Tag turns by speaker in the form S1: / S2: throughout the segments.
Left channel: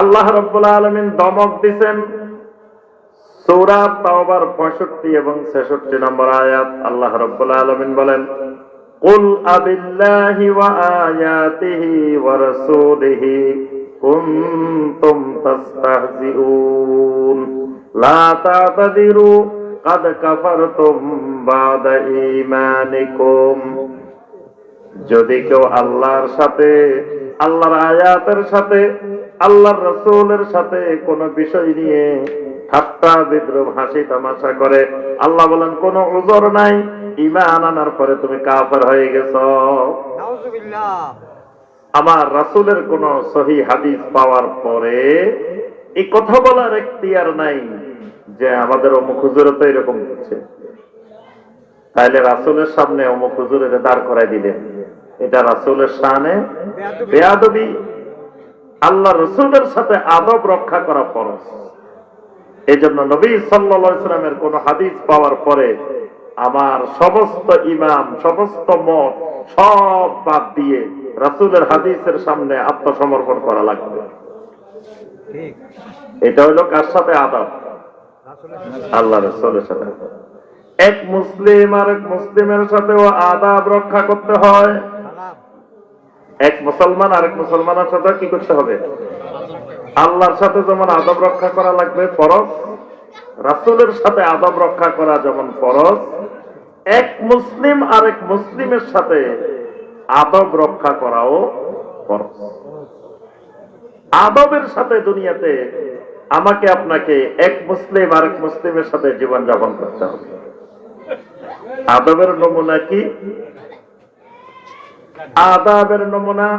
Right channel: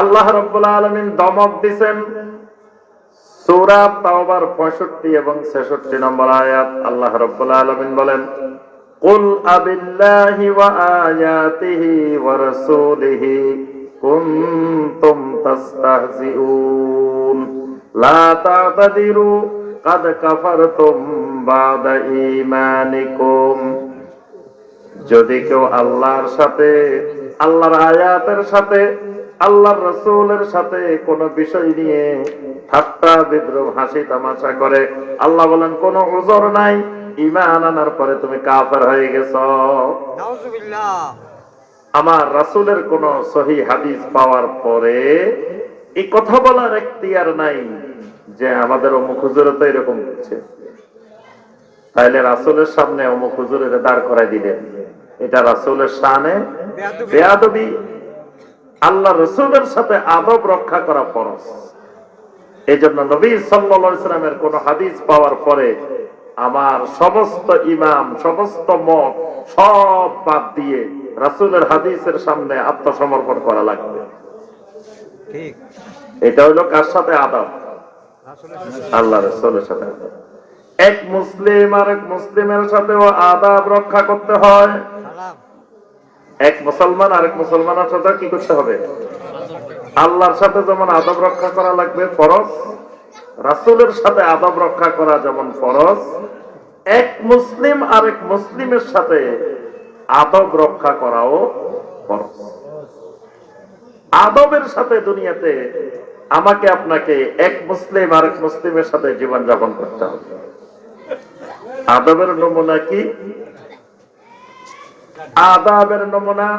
S1: আল্লাহ রব্বুল আলমিন দমক দিছেন সূরা তাওবার 65 এবং 66 নম্বর আয়াত আল্লাহ রাব্বুল আলামিন বলেন কুল আবিল্লাহি ওয়া আয়াতিহি ওয়া রাসূলিহি কুনতুম তাস্তাহজিউন লা তা'তাদিরু قد كفرتم بعد ঈমানিকুম যদি কেউ আল্লাহর সাথে আল্লাহর আয়াতের সাথে আল্লাহর রসুলের সাথে কোনো বিষয় নিয়ে ঠাট্টা, বিদ্রোহ, হাসি, তামাশা করে। আল্লাহ বলেন, কোন ওজর নাই। ইমান আনার পরে তুমি কাফের হয়ে গেছ। আমার রাসূলের কোন সহি হাদিস পাওয়ার পরে এই কথা বলার এখতিয়ার নাই যে আমাদের অমুক হুজুরে তো এরকম হচ্ছে তাইলে রাসূলের সামনে অমুক হুজুরের দাঁড় করাই দিলেন। এটা রাসূলের শানে বেয়াদবি। আল্লাহ রসুলের সাথে আদব রক্ষা করা ফরজ। এই জন্য নবী সাল্লামের কোন হাদিস পাওয়ার পরে আমার সমস্ত ইমাম সমস্ত মত সব বাদ দিয়ে রাসুলের হাদিসের সামনে আত্মসমর্পণ করা লাগবে। এটা হলো কার সাথে? আদব। আল্লাহ রসুলের সাথে এক মুসলিম আর এক মুসলিমের সাথেও আদাব রক্ষা করতে হয়। এক মুসলমান আরেক মুসলমানের সাথে কি করতে হবে? আল্লাহর সাথে যেমন আদব রক্ষা করা লাগবে, ফরজ। রাসূলের সাথে আদব রক্ষা করা যেমন ফরজ। এক মুসলিম আরেক মুসলিমের সাথে আদব রক্ষা করাও ফরজ। আদবের সাথে দুনিয়াতে আমাকে আপনাকে এক মুসলিম আরেক মুসলিমের সাথে জীবন যাপন করতে হবে। আদবের নমুনা কি? আদাবের নমুনা।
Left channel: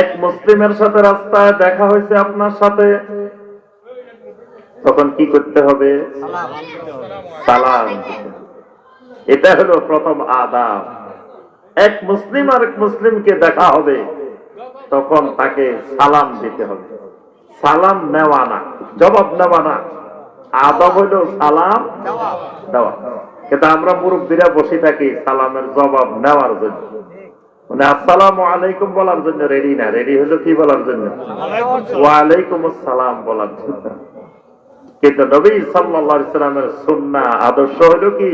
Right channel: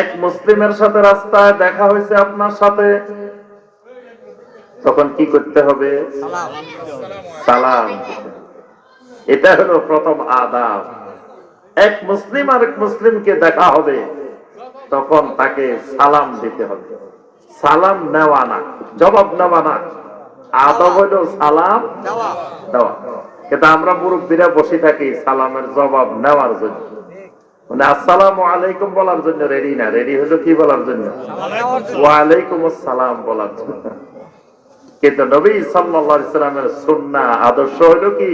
S1: এক মুসলিমের সাথে রাস্তায় দেখা হয়েছে আপনার সাথে। তখন কি করতে হবে? সালাম এটা হলো প্রথম আদাব। এক মুসলিম আর এক মুসলিমকে দেখা হবে, তখন তাকে সালাম দিতে হবে। সালাম নেওয়া না, জবাব নেওয়া না। আদব হলো সালাম দেওয়া। কিন্তু আমরা মুরব্বীরা বসে থাকি সালামের জবাব নেওয়ার জন্য। মানে আলাইকুম বলার জন্য রেডি না। রেডি হলো কি বলার জন্য? ওয়ালাইকুম আসসালাম বলার জন্য। কিন্তু নবী সাল্লামের আদর্শ কি?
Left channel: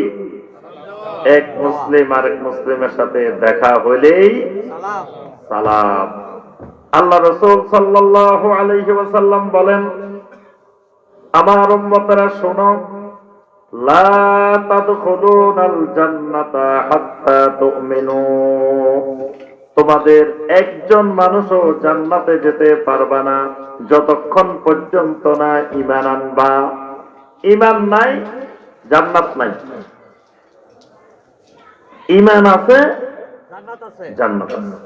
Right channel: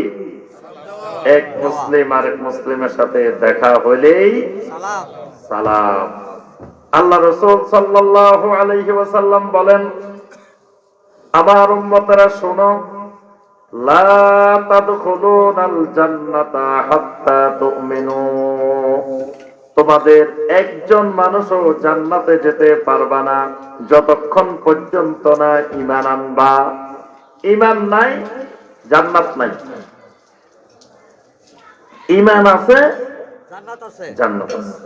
S1: এক মুসলিম আরেক মুসলিমের সাথে দেখা হলেই
S2: সালাম।
S1: আল্লাহ রাসূল সাল্লাল্লাহু আলাইহি বলেন, আমার উম্মতরা শোনো তোমাদের একজন মানুষও জান্নাতে যেতে পারবা না যতক্ষণ পর্যন্ত না ঈমান আনবা। ঈমান নাই জান্নাত নাই।
S2: জান্নাত আছে।
S1: জান্নাত আছে।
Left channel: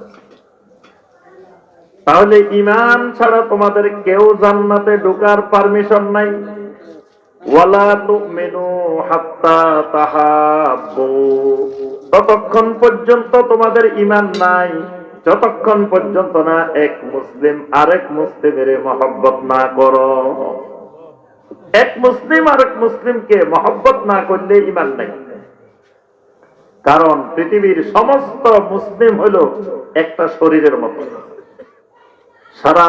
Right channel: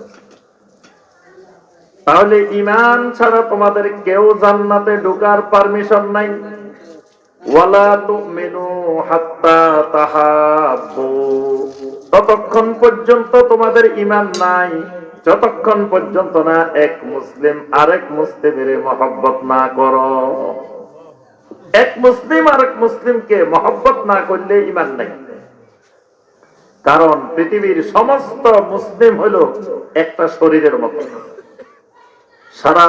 S1: তাহলে ইমান ছাড়া তোমাদের কেউ জান্নাতে ঢোকার পারমিশন নাই। ততক্ষণ পর্যন্ত তোমাদের ইমান নাই, যতক্ষণ পর্যন্ত না এক মুসলিম আরেক মুসলিমের মহব্বত না করো। এক মুসলিম আরেক মুসলিমকে মহব্বত না করলে ইমান নাই। কারণ পৃথিবীর সমস্ত মুসলিম হলো একটা শরীরের মতো। সারা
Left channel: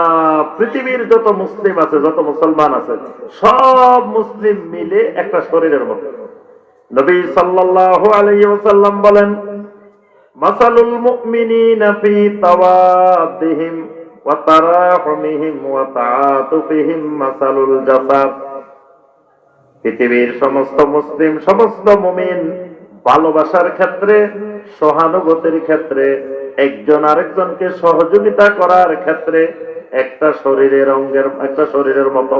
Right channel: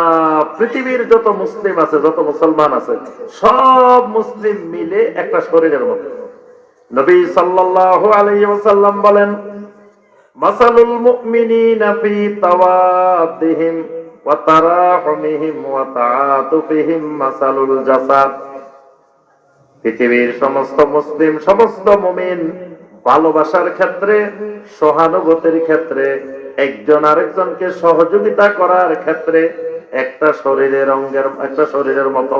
S1: পৃথিবীর যত মুসলিম আছে, যত মুসলমান আছে, সব মুসলিম মিলে একটা শরীরের মতো নবী সাল্লাল্লাহু আলাইহি ওয়াসাল্লাম বলেন পৃথিবীর সমস্ত মুসলিম, সমস্ত মুমিন ভালোবাসার ক্ষেত্রে, সহানুভূতির ক্ষেত্রে একজন আরেকজনকে সহযোগিতা করার ক্ষেত্রে একটা শরীরের অঙ্গের, একটা শরীরের মতো।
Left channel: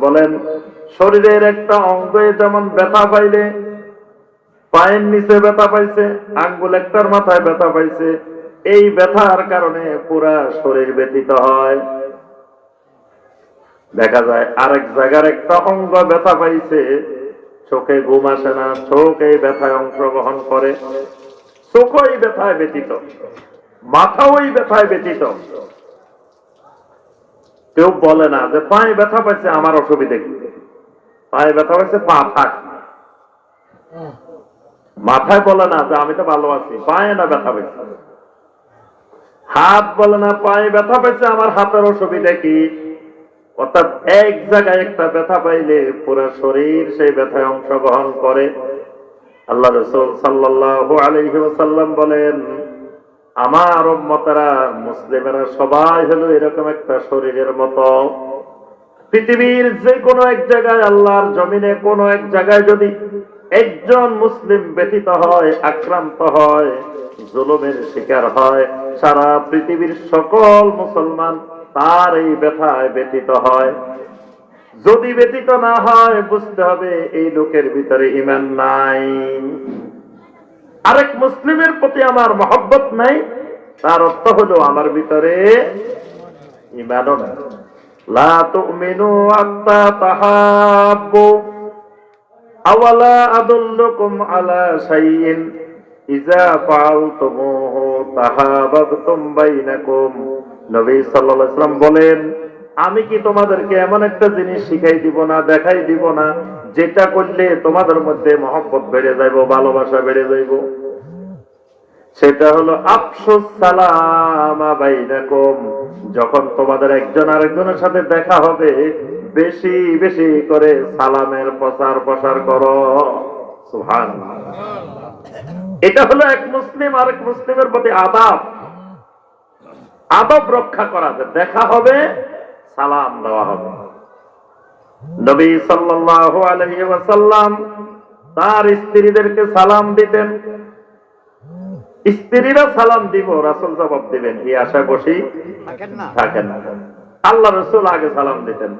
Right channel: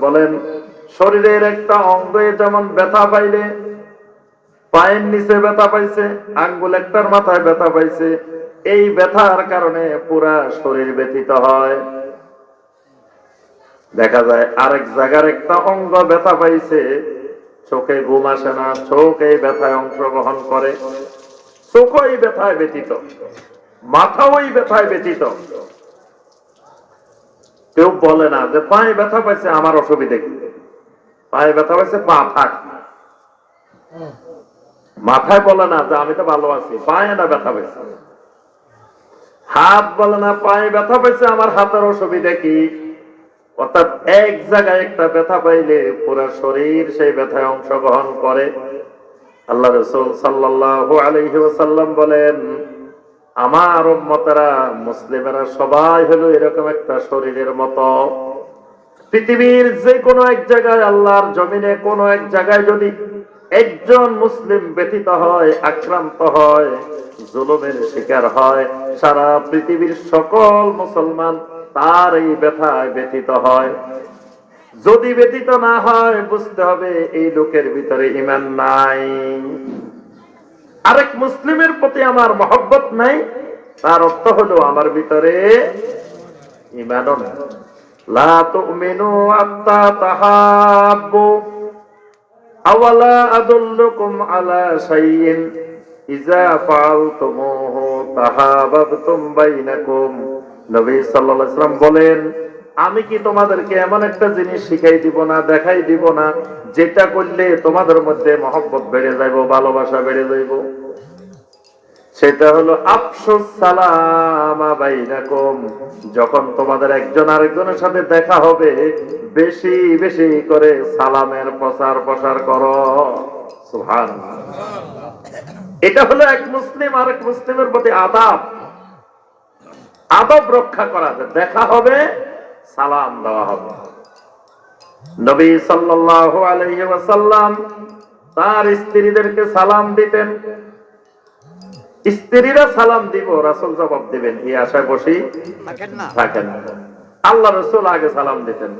S1: বলেন, শরীরের একটা অঙ্গে যেমন ব্যথা পাইলে, পায়ের নিচে ব্যথা পাইছে, আঙ্গুল একটার মাথায় ব্যথা পাইছে, এই ব্যথার কারণে পুরা শরীর ব্যথিত হয়। দেখা যায় আরেক জায়গার একটা অঙ্গ ব্যথা পাইছে। চোখে ঘুম আসে না, চোখ এই ব্যথায় অংশগ্রহণ করে। চোখ ওই ব্যথায় ব্যথিত মাথা ওই ব্যথায় ব্যথিত। কেউ বলে না যে, পায়ে ব্যথা পাইছে, আমার অসুবিধা কি? পায়ে ব্যথা হয়েছে পা থাক। মাথায় বলে না যে, আমি তো ভালো আছি, পায়ে না ব্যথা পাইছে? হাত বলে না, পায়ে ব্যথা পাইছে, আমার হাতের অসুবিধা কি? অর্থাৎ এক জায়গায় একটা ব্যথা পাইলে পুরো শরীর সেই ব্যথায় অংশগ্রহণ করে। আল্লাহ রসুল সাল্লাল্লাহু আলাইহি ওয়াসাল্লাম বলেন, আমার উম্মতেরা, মুসলিমেরা সবাই হলো এরকম একটা শরীরের মতো। পৃথিবীর যে কোনো এক জায়গায় আল্লাহর জমিনে কোনো এক জায়গায় যদি একজন মুসলিম ব্যথিত হয়, আক্রান্ত হয়, জুলুমের শিকার হয়, সারা পৃথিবীর সকল মুসলমান তার এই ব্যথায় ব্যথিত হয়। যদি ব্যতীত না হয়, বুঝতে হবে এই লোকের ভিতরে ইমান নাই। আরেক মুসলিমের প্রতি আমার মহব্বত নাই, তার অর্থ হলো আমার ভিতরে ইমানও নাই। লা নবী ওয়াসাল্লাম বলেন, আমি কি তোমাদেরকে এমন একটা জিনিস শিখাই দিব না, দেখাই দিব না, যেটা করলে তোমাদের মধ্যে মহব্বত বেড়ে যাইব, ভালোবাসা বেড়ে যাইব? সেটা হলো, আফসোস সালামা বাইনাকুম যখন তোমাদের একজন আরেকজনের সাথে দেখা হবে, বেশি বেশি করে সালামের প্রচার প্রসার করো। সুহান এটা হলো এক মুসলিম আরেক মুসলিমের প্রতি আদাব। আদব রক্ষা করা। দেখা হবে সালাম দেওয়া হবে। নবী সাল্লাল্লাহু আলাইহি ওয়াসাল্লাম তার স্ত্রীদেরকে সালাম দিতেন। স্ত্রীরা সালাম দিব রাসূল জবাব দিবেন এই আশায় বসি
S2: থাকেন না।
S1: আল্লাহ রসুল আগে সালাম দিতেন।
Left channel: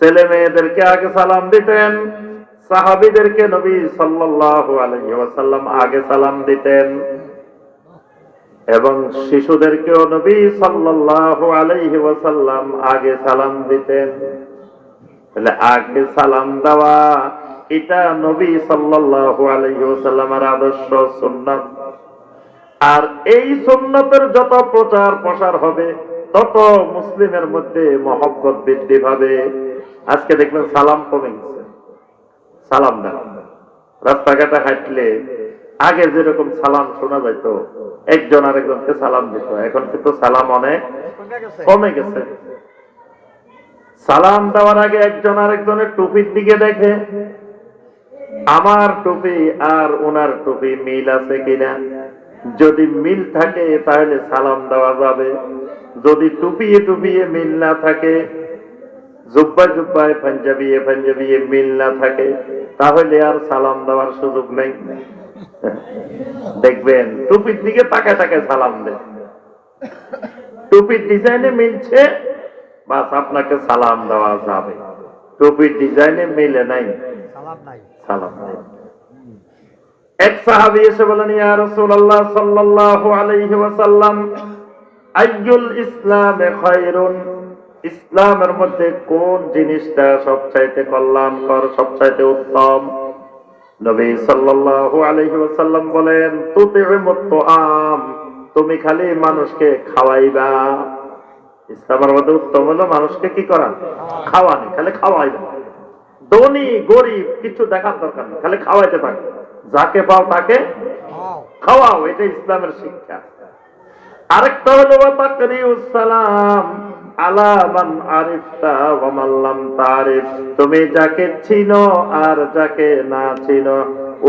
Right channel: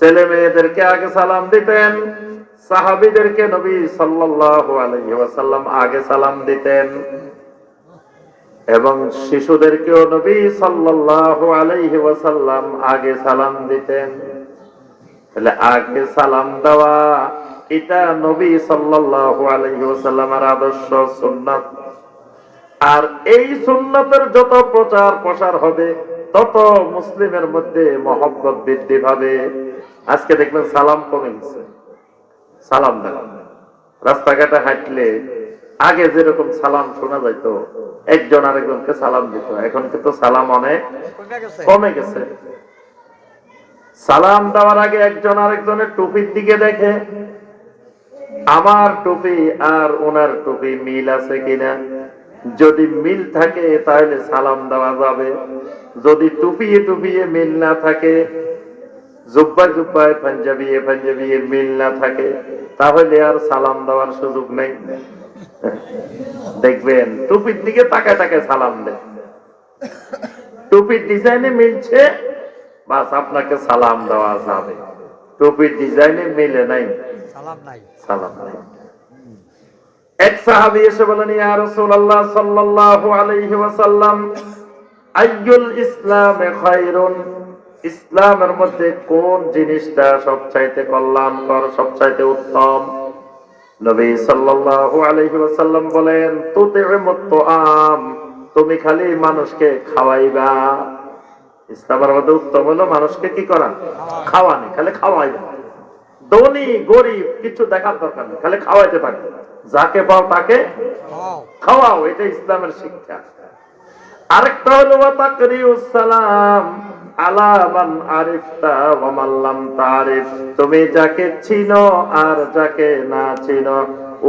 S1: ছেলে মেয়েদেরকে আগে সালাম দিতেন সাহাবিদেরকে নবী সাল্লাল্লাহু আলাইহি ওয়াসাল্লাম আগে সালাম দিতেন। এবং শিশুদেরকেও নবী সাল্লাল্লাহু আলাইহি ওয়াসাল্লাম আগে সালাম দিতেন। তাহলে আগে সালাম দেওয়া, এটা নবী সাল্লাল্লাহু আলাইহি ওয়াসাল্লামের আদর্শ সুন্নাত। আর এই সুন্নতের যত প্রচার প্রসার হবে, তত মুসলিমের মধ্যে মহব্বত বৃদ্ধি পাবে। আজকে দেখবেন সালাম কমে গেছে। সালাম দেন রাস্তাঘাটে হাঁটলে আগে যেরকম সালাম শোনা যাইতো একজন আরেকজনকে সালাম দিত এখন কিন্তু সালাম অনেক
S2: কমে গেছে।
S1: সালাম দেওয়ার আগে একজন আরেকজনের টুপির দিকে দেখে, আমার টুপি আর ওনার টুপি মিল আছে কিনা? যদি মিল থাকে তাহলে সালাম দেওয়া যাবে। যদি টুপিয়ে টুপিয়ে মিল না থাকে জুব্বা জুব্বায় পাঞ্জাবিয়ে পাঞ্জাবিয়ে মিল না থাকে, তাহলে আর সালাম দেওয়ার সুযোগ নেই। দেখবেন টুপির দিকে তাকায় তাকায় সালাম দেয়। টুপির ডিজাইনে মিলছে বাস আপনাকে সালাম দেওয়া যাবে। টুপির ডিজাইনে মিলে নাই।
S2: সালাম নাই।
S1: এক সাহাবী এসে বলেন ইয়া রাসূলুল্লাহ সাল্লাল্লাহু আলাইহি ওয়াসাল্লাম আইয়ুল ইসলামে খায়রুন? ইসলামের মধ্যে কোন জিনিসটা সবচাইতে কল্যাণকর সবচাইতে উত্তম? নবী সাল্লাল্লাহু আলাইহি ওয়াসাল্লাম বলেন তুমি খালি মানুষকে খাওয়াইবা। ইসলামের মধ্যে উত্তম হলো মানুষকে কি খাওয়ানি, খালি খাওয়াইবা। গরিব, কিছু দেখার দরকার নেই, খালি খাওয়াইতে থাকো। যাকে পাও তাকে খাওয়াও, এটা ইসলামের শিক্ষা। আরেকটা হলো তাকরিউস সালাম আলা মান আরিফতা ওয়া মান তারিফ। তুমি যাকে চিনো আর যাকে না চিনো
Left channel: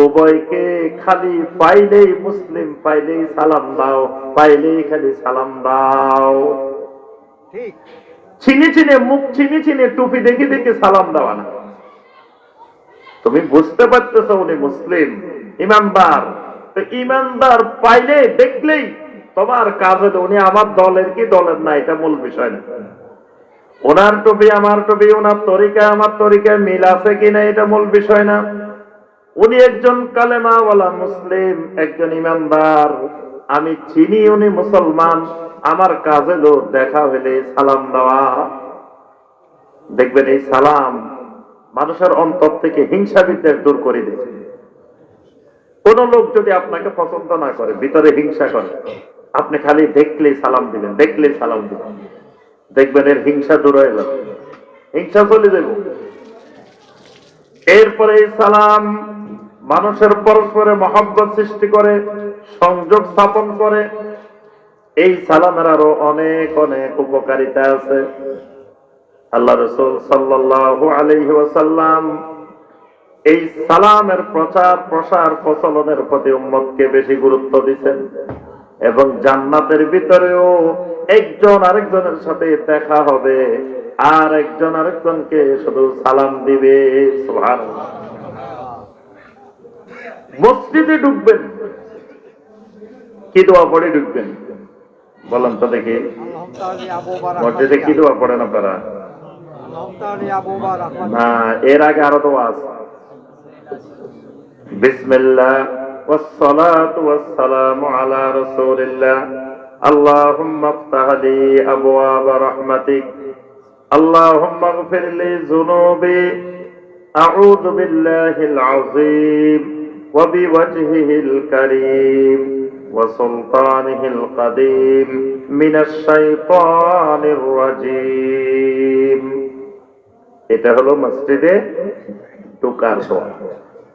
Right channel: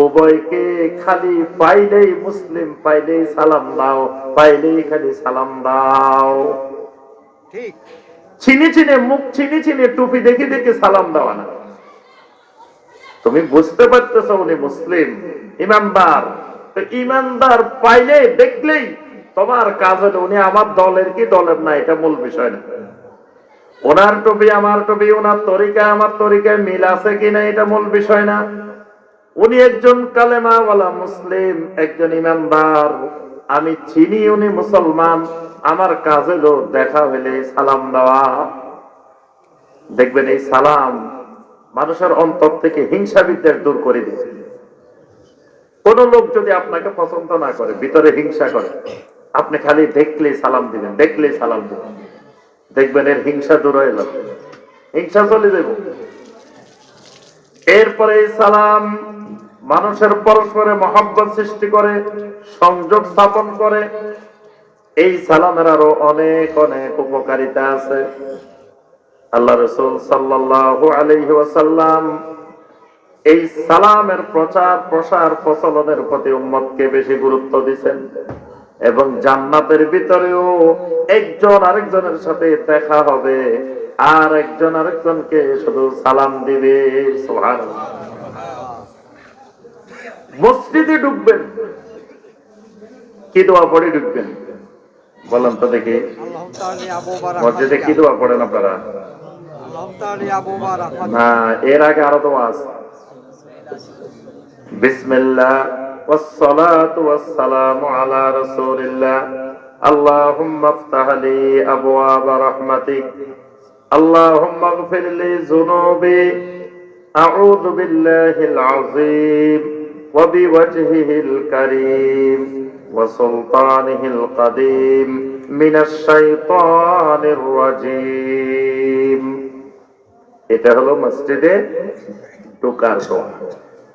S1: উভয়কে খালি পাইলেই মুসলিম পাইলেই সালাম দাও পাইলেই খালি সালাম দাও।
S2: ঠিক।
S1: চিনি চিনে মুখ চিনি চিনে টুপি দেখে দেখে সালাম দেওয়া না। তুমি বুঝতে পারতেছ উনি মুসলিম ইমানদার। তো ইমানদার পাইলে দেখলেই তোমার কাজ হলো উনি আমার দলের কি দলের না, এটা মূল বিষয় না। ওনার টুপি, আমার টুপি, ওনার তরিকা আমার তরিকায় মিল আছে কিনা এটা মূল বিষয় না। উনি একজন কালেমাওয়ালা মুসলিম, একজন ইমানদার। আমি চিনি উনি মুসলমান। আমার কাজ হলো দেখা হইলে সালাম দেওয়া। দেখবেন এই সালাম মানুষের অন্তর থেকে হিংসা বিদ্বেষ দূর করে দিয়েছে। কোন লোক যদি আপনাকে পছন্দ না করে, ভিতরে হিংসা করে আপনি খালি দেখলেই সালাম দিবেন, দেখলেই সালাম দিবেন। দেখবেন এর হিংসা দূর হয়ে যাবে। হিংসা চলে যাবে। এরপরে সালাম মানুষের পরস্পরে মহাব্বত সৃষ্টি করে, সংযোগ স্থাপন করে। এই সালামের আরও অনেক অনেক উপকারিতা আছে। আল্লাহ রসুল সাল্লাল্লাহু আলাইহি ওয়াসাল্লাম এই সালামের প্রচার প্রসার প্রচলনের প্রতি উম্মতকে বেশি গুরুত্ব দিচ্ছেন এবং জান্নাতের ভিতরেও একজন আরেকজনের সাথে দেখা হবে। আর একজন আরেকজনকে শুধু সালাম দিবে মসজিদে ঢুকবেন। কি দোয়া পড়ে ঢুকবেন? বলেন তো দেখি। মসজিদে কি দোয়া পড়েন আপনারা? না, এর আগে আরও দোয়া আছে। বিসমিল্লাহ। والصلاة والسلام على رسول الله اللهم افتح لي أبواب رحمتك اللهم اغفر لي ذنوبي أعوذ بالله العظيم وبوجهه الكريم وسلطانه القديم من الشيطان الرجيم এটা হলো মসজিদে ঢুকার দোয়া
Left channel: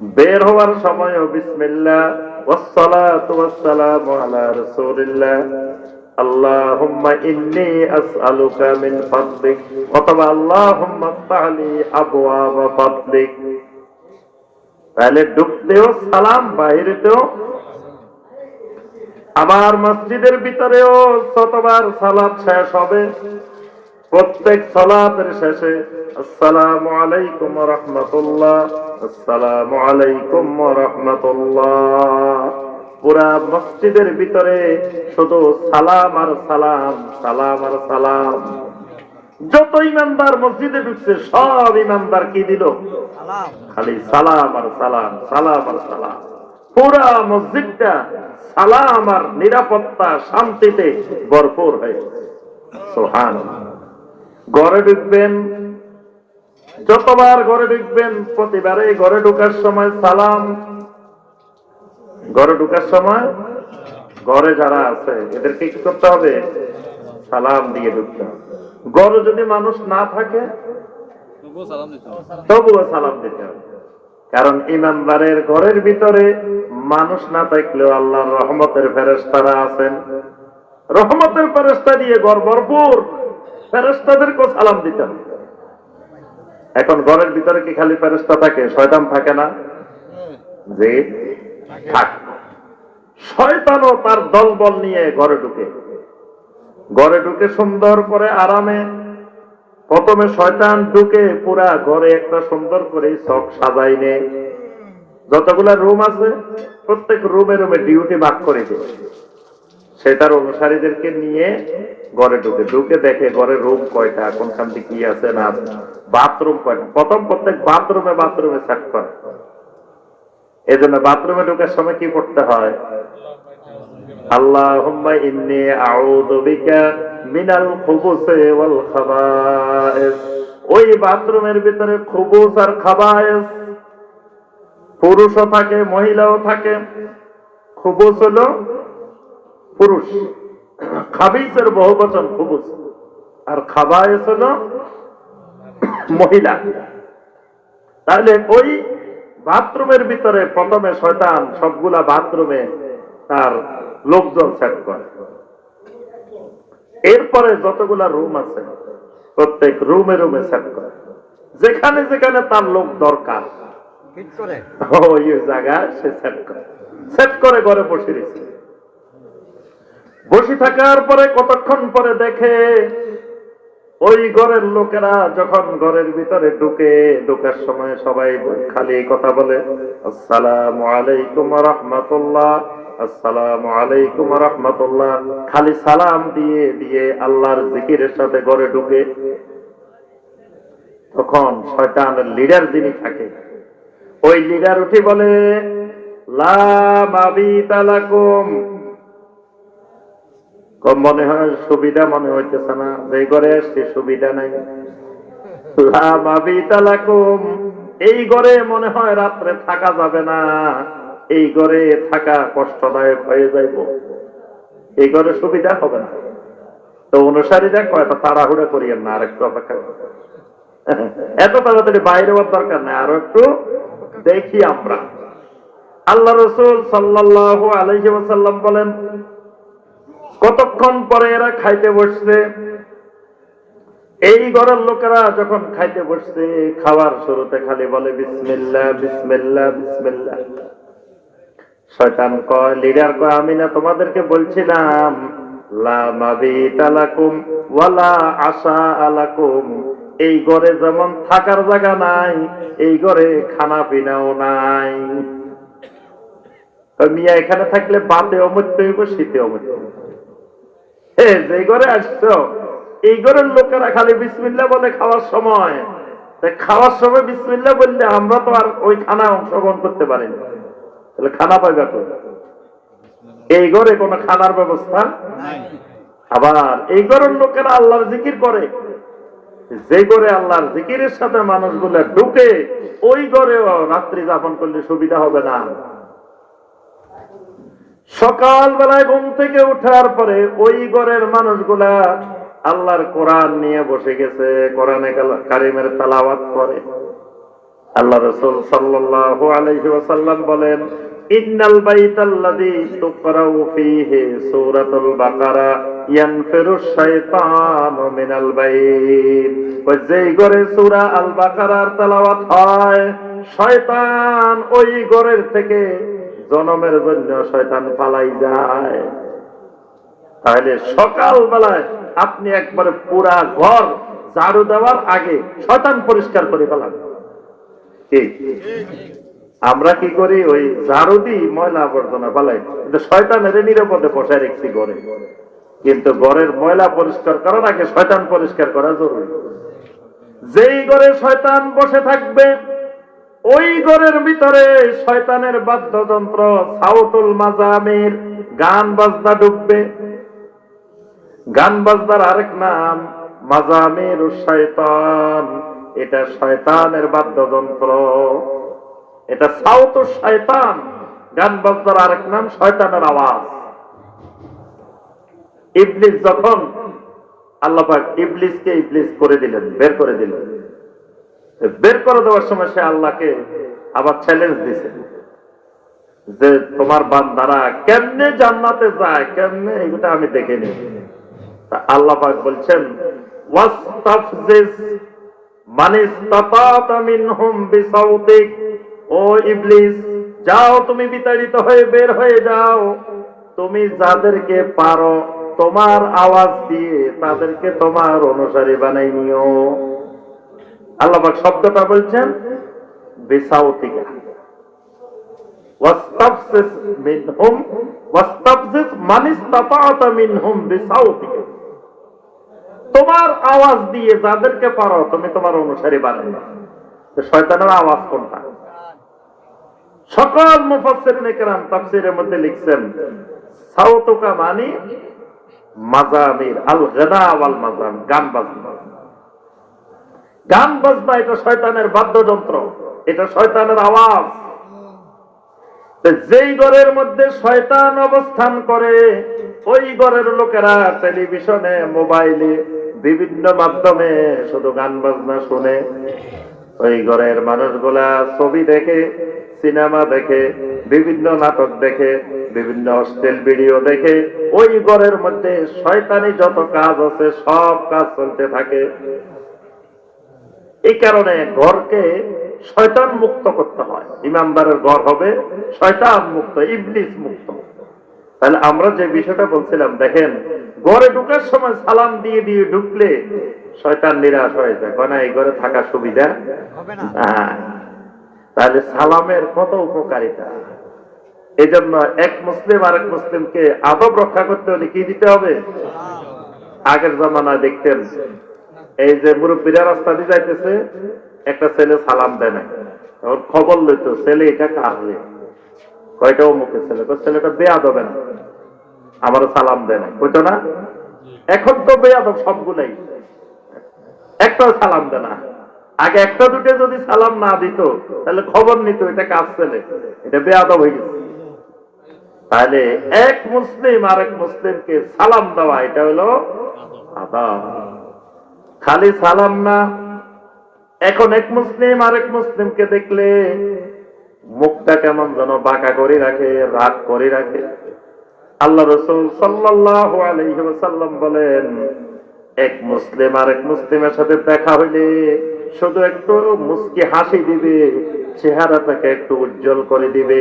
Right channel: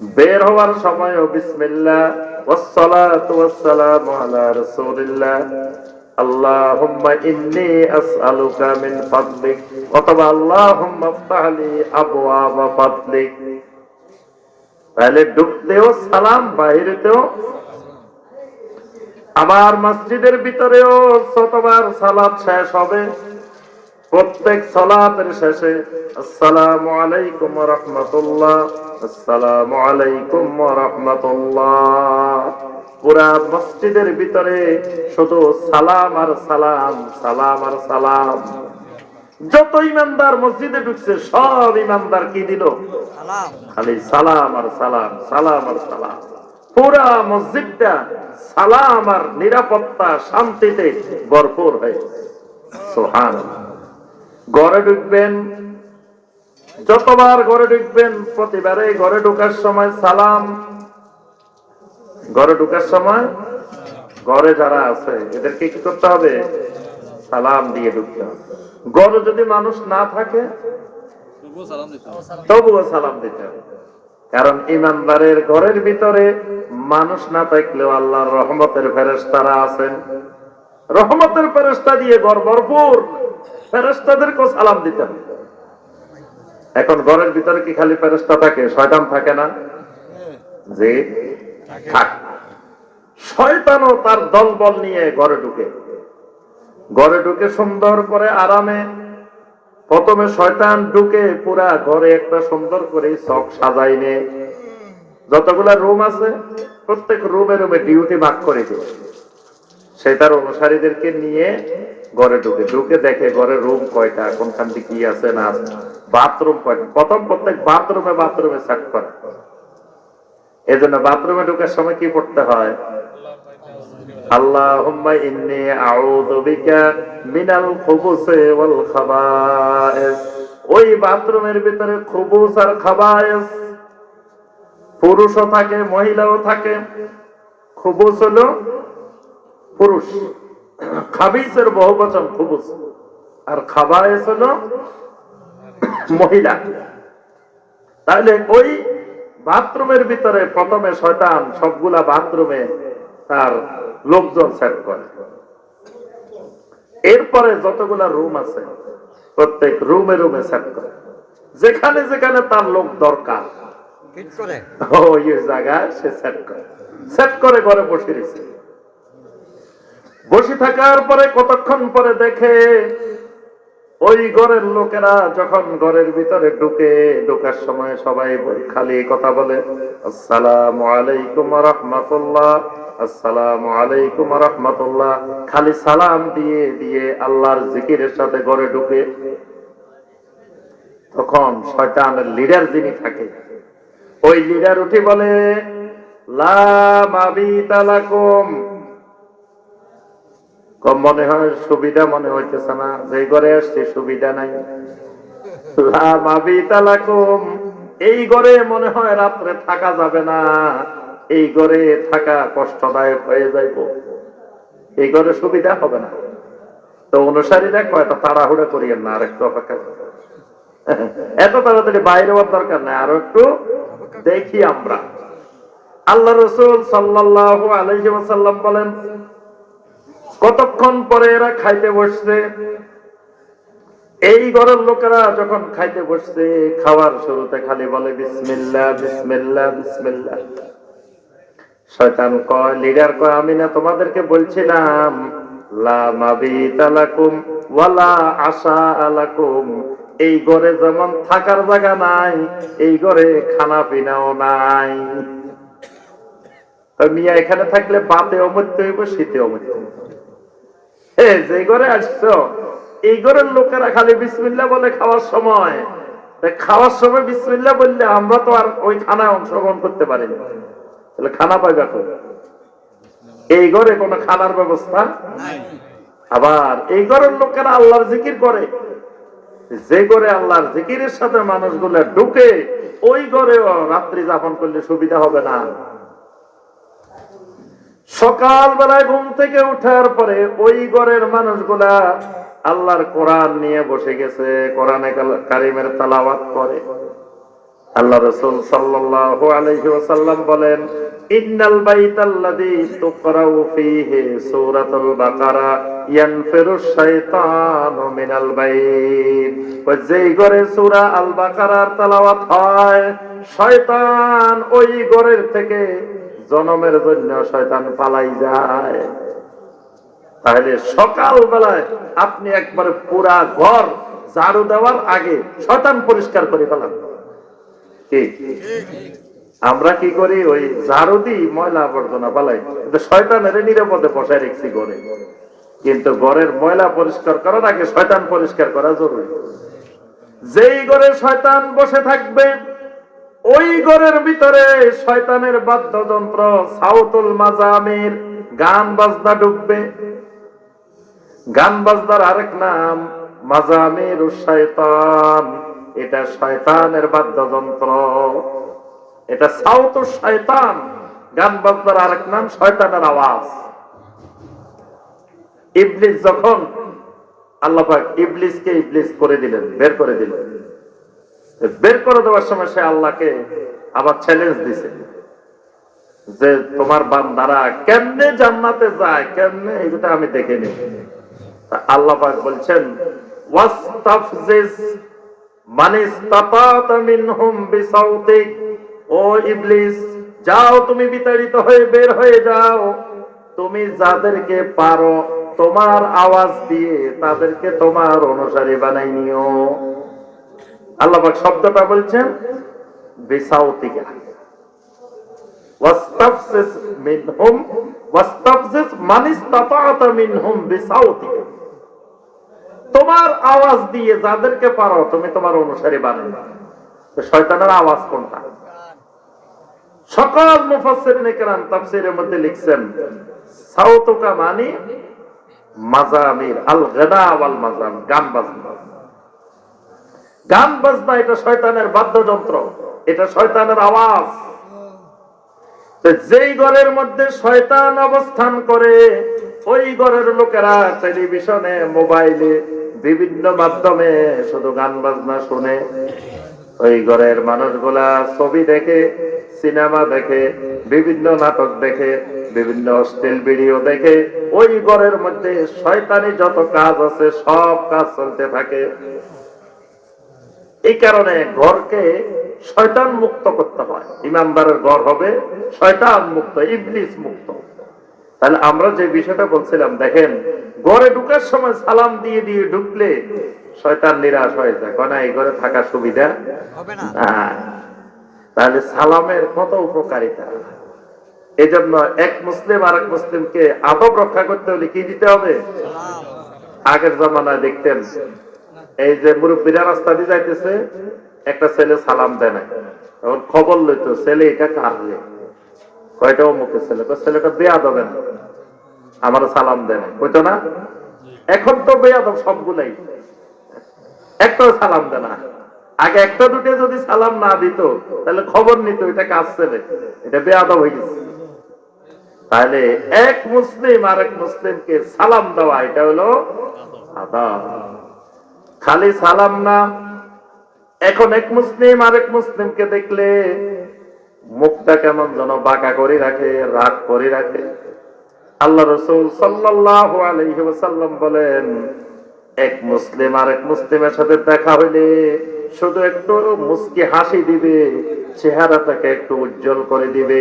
S1: বের হওয়ার সালাম বাইরেতেও আবার মসজিদের ভিতরেও শতবার সালাত শেষ হবে। প্রত্যেক সালাতের শেষে আলাইকুম রাহমাতুল্লাহ আলাইকুম রাহমাতুল্লাহ। পুরা মসজিদের ভিতরে শুধু সালাম আর সালাম সালাম আর সালাম। যত ইমানদার মসজিদে ঢুকছে, সব ইমানদার কি দিল? খালি সালাম আর সালাম সালাম আর সালাম। পুরা মসজিদটা সালাম আর নিরাপত্তা, শান্তিতে ভরপুর হয়ে সোহান ঘরে ঢুকবেন যতবার ঘরে ঢুকবেন প্রতিবারে ঘরে ঢুকার সময় সালাম। ঘরে ঢুকার সময় ঘরে যারা আছে এদেরকে কি করতে হবে? সালাম দিয়ে ঢুকতে হবে। ঘরে যদি মানুষ না থাকে তবুও সালাম দিতে হবে। কারণ ইমানদারের ঘরের ভিতরে মানুষ না থাকলেও আল্লাহর রহমতের ফেরেশতারা আছেন। রহমতের ফেরেস্তা দিয়ে ঘর ভরপুর। ফেরেশতাদেরকেও সালাম দিতে হবে এখন ঘরের ভিতরে কি খালি ফেরেশতা থাকে? শয়তান থাকে না? যে থাক। শয়তানও তার দলবল নিয়ে ঘরে ঢুকে। ঘরে ঢুকে সুন্দর করে আরামে প্রথমে শয়তান ঢুকে পুরা ঘরে একটা সুন্দর করে সব সাজাই নে। যতগুলা রুম আছে, প্রত্যেক রুমে রুমে ডিউটি ভাগ করে দেয় সেটার অনুসারীদেরকে নিয়ে ঘরে ঢুকে। ঢুকে দেখে ঘরে রুম কয়টা, কোনখান থেকে কি আছে না বাথরুম কয়টা। প্রথম প্রত্যেক বাথরুমে বাথরুমে সেট করে। এই জন্য বাথরুমে ঢুকার সময় কি করতে হয়? পুরুষও থাকে, মহিলাও থাকে। খুবুস হলো পুরুষ। খাবিসের বহু বচন খুবুস। আর খাবায়েস হলো মহিলা। তাহলে ওই বাথরুমের ভিতরে প্রথমে শয়তান সবগুলা বাথরুমে তার লোকজন সেট করে। এরপরে যতগুলা রুম আছে প্রত্যেক রুমে রুমে সেট করে। যেখানে যেখানে তার লোক দরকার ওই জায়গায় সে সেট করে। সেট করে ঘরে বসে রয়েছে। বসে থাকার পরে কতক্ষণ পরে দেখে ওই ঘরের লোকেরা যখন ঘরের ভিতরে ঢুকে, ঢুকার সময় সবাই খালি কথা বলে, আসসালামু আলাইকুম রহমতুল্লাহ, আসসালামু আলাইকুম রহমতুল্লাহ। খালি সালাম দিয়ে দিয়ে আল্লাহর জিকিরের সাথে ঘরে ঢুকে, তখন শয়তানের লিডার যিনি থাকে, ওই লিডার উঠে বলে লা মাবিতা লাকুম। কম মনে হয় সুবিধা মনে হইতেছে না। যে ঘরে আসছে সুবিধা নাই। এই ঘরে মনে হয় রাত্রে থাকা যাবে না। এই ঘরে থাকা কষ্টদায়ক হয়ে যাইব। এই ঘরে সুবিধা হবে না। তো অনুসারীরা কয়টা তাড়াহুড়ো করিয়েন না আর একটু অপেক্ষা এত তাড়াতাড়ি বাইরে হওয়ার দরকার নাই, আরও একটু দেখি আমরা। আল্লাহ রসুল সাল্লাহ আলহি ওয়াসাল্লাম বলেন কতক্ষণ পরে এরা খাইতে বসছে? এই ঘরের লোকেরা যখন খাইতে বসছে, খাওয়ার শুরুতে খালি বলে, বিসমিল্লাহ বিসমিল্লাহ বিসমিল্লাহ। শয়তান কয়, লিডার কয়, আমি না তোমাদেরকে বলছিলাম এই ঘরে যেমন থাকার জায়গা নাই, এই ঘরে খানা পিনাও নাই। মিয়া এখানে থাকলে বাতে অমৃত্যু হইব শীতে অমৃত্যু হইব। যে ঘরে আসছো এই ঘরের লোকেরা খালি বিসমিল্লা বলে খাওয়ার সময়। খাওয়ার সময় বিসমিল্লা বললে আমরা তো আর ওই অংশগ্রহণ করতে পারি না। তাহলে খানা পাইবা কই? এই ঘরে কোনো খানার ব্যবস্থা আবার এই ঘরের লোকেরা আল্লাহর জিকির করে। যে ঘরে আল্লাহর জিকিরের সাথে মানুষগুলো ঢুকে ওই ঘরেও রাত্রি যাপন করলে সুবিধা হবে না। সকাল বেলায় ঘুম থেকে উঠার পরে ওই ঘরের মানুষগুলা আল্লাহর কোরআন নিয়ে বসে গেছে, কোরআনে কারিমের তালাওয়াত করে। আল্লাহ রসুল সাল্লাল্লাহু আলাইহি ওয়াসাল্লাম বলেন শয়তান ওই থেকে জনমের জন্য শয়তান পালাই যায়। তাহলে সকাল বেলায় আপনি একবারে পুরা ঘর ঝাড়ু দেওয়ার আগে শয়তান পরিষ্কার করে কি? আমরা কি করি? ওই ঝাড়ু দিই, ময়লা আবর্জনা পালাই কিন্তু শয়তানের নিরাপদে বসায় রেখছি ঘরে। কিন্তু ঘরের ময়লা পরিষ্কার করার আগে শয়তান পরিষ্কার করা জরুরি। যেই ঘরে শয়তান বসে থাকবে ওই ঘরের ভিতরে শয়তানের বাদ্যযন্ত্র, সাউতুল মাজামের গান বাজনা ডুববে। গান বাজনার আরেক নাম মাজামের শয়তান। এটা শয়তানের বাদ্যযন্ত্র। এটা সাউত শয়তান। গান বাজনার আরেক নাম, শয়তানের আওয়াজ। ইবলিস যখন, আল্লাহ ইবলিসকে ইবলিস করে দিলেন, বের করে দিলেন। বের করে দেওয়ার সময় সে আল্লাহকে আবার চ্যালেঞ্জ দিছে। যে তোমার বান্দারা কেমনে জান্নাতে যায়, কেমনে এটা আমি দেখে তা আল্লাহ বলছেন যাও তুমি বিতাড়িত হয়ে বের হয়ে যাও। তুমি যাদেরকে পারো তোমার আওয়াজ দিয়ে তাদেরকে তোমার অনুসারী বানাই নিও। আল্লাহ শব্দটা বলছেন তোমার আওয়াজ দিয়ে যাদেরকে পারো তুমি তোমার অনুসারী বানাই শয়তানের আওয়াজ কোনটা? সকল মুফাসসিরিনে কেরাম তাফসীরের মধ্যে লিখছেন, সাউতুকা মানি মাজামির আল গদা ওয়াল মাজাম গান বাজনা। গান বাজনা এটা শয়তানের বাদ্যযন্ত্র, এটা শয়তানের আওয়াজ। যেই ঘরের মধ্যে শয়তান অবস্থান করে, ওই ঘরের লোকেরা টেলিভিশনে, মোবাইলে, বিভিন্ন মাধ্যমে শুধু গান বাজনা শুনে। ওই ঘরের মানুষগুলা ছবি দেখে, সিনেমা দেখে, বিভিন্ন নাটক দেখে, বিভিন্ন অশ্লীল ভিডিও দেখে, ওই ঘরের মধ্যে শয়তানি যত কাজ আছে, সব কাজ চলতে থাকে। এই কারণে ঘরকে শয়তান মুক্ত করতে হয়। ইমানদারের ঘর হবে শয়তান মুক্ত ইবলিস মুক্ত। তাহলে আমরা যে বিষয়টা বলছিলাম দেখেন ঘরে ঢুকার সময় সালাম দিয়ে দিয়ে ঢুকলে শয়তান নিরাশ হয়ে যায়। কেন এই ঘরে থাকার সুবিধা? হ্যাঁ। তাহলে সালামের কত উপকারিতা? এজন্য এক মুসলিম আরেক মুসলিমকে আদব রক্ষা করতে হলে কি দিতে হবে? আগের জামানায় দেখতেন এই যে মুরব্বীরা রাস্তা দিয়ে যাইতেছে, একটা ছেলে সালাম দেয় না তখন খবর লইতো, ছেলে, এটা কার কয়টা অমুকের ছেলে? তো ছেলেটা দেয়া দেবে না আমার সালাম দেয় না বুঝছ না? এখন তো বেয়াদব সবগুলাই। একটাও সালাম দেয় না আগে একটা দুটো যদি সালাম না দিত, তাহলে খবর নিত, এটা কাজ ছেলে? এটা বেয়াদব হয়ে গেছে। তাহলে এক মুসলিম আর এক মুসলিমকে সালাম দেওয়া, এটা হলো আদাব। খালি সালাম না। এখন এক মুসলিম আর এক মুসলিমকে দেখলে মুখটা কেমন যেন বাঁকা করে রাখে, রাগ করে রাখে। আল্লাহ রসুল আলাইহি বলেন, এক মুসলিম আর এক মুসলিমের সাথে দেখা হইলে শুধু একটু মুস্কি হাসি দিবে চেহারাটাকে একটু উজ্জ্বল করে দিবে।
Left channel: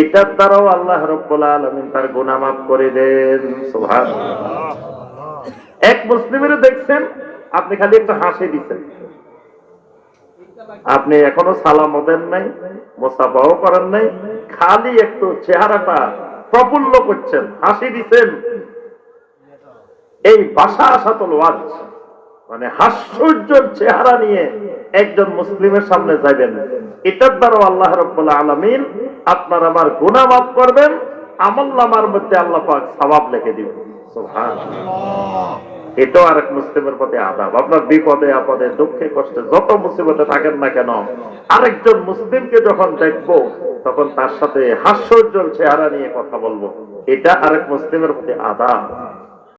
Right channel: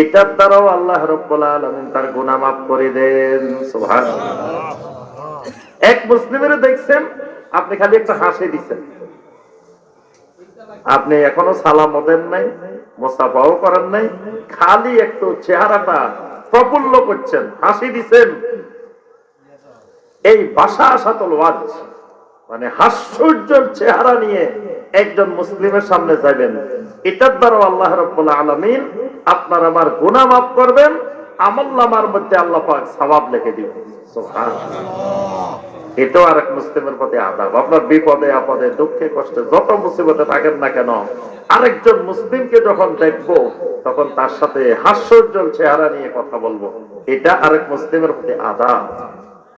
S1: এটার দ্বারাও আল্লাহ রব্বুল আলামিন তার গুনাহ মাফ করে দেন। এক মুসলিমের দেখছেন আপনি খালি একটা হাসি দিচ্ছেন। আপনি এখনও সালাম দেন নাই মোসাফাও করেন নাই, খালি একটু চেহারাটা প্রফুল্ল করছেন, হাসি দিছেন এই বাসা আসাতল ওয়াজ মানে হাস্যর্যের চেহারা নিয়ে একজন মুসলিমের সামনে যাবেন এটার দ্বারা আল্লাহ রব্বুল আলমিন আপনার আমার গুনাহ মাফ করবেন, আমল নামার মধ্যে আল্লাহ পাক সবাব লিখে দিবেন। এটাও আরেক মুসলিমের প্রতি আদাব। আপনার বিপদে, আপদে, দুঃখে, কষ্টে যত মুসিবতে থাকেন না কেন, আরেকজন মুসলিমকে যখন দেখব, তখন তার সাথে হাস্যোজ্জ্বল চেহারা নিয়ে কথা বলব। এটা আরেক মুসলিমের প্রতি আদাব।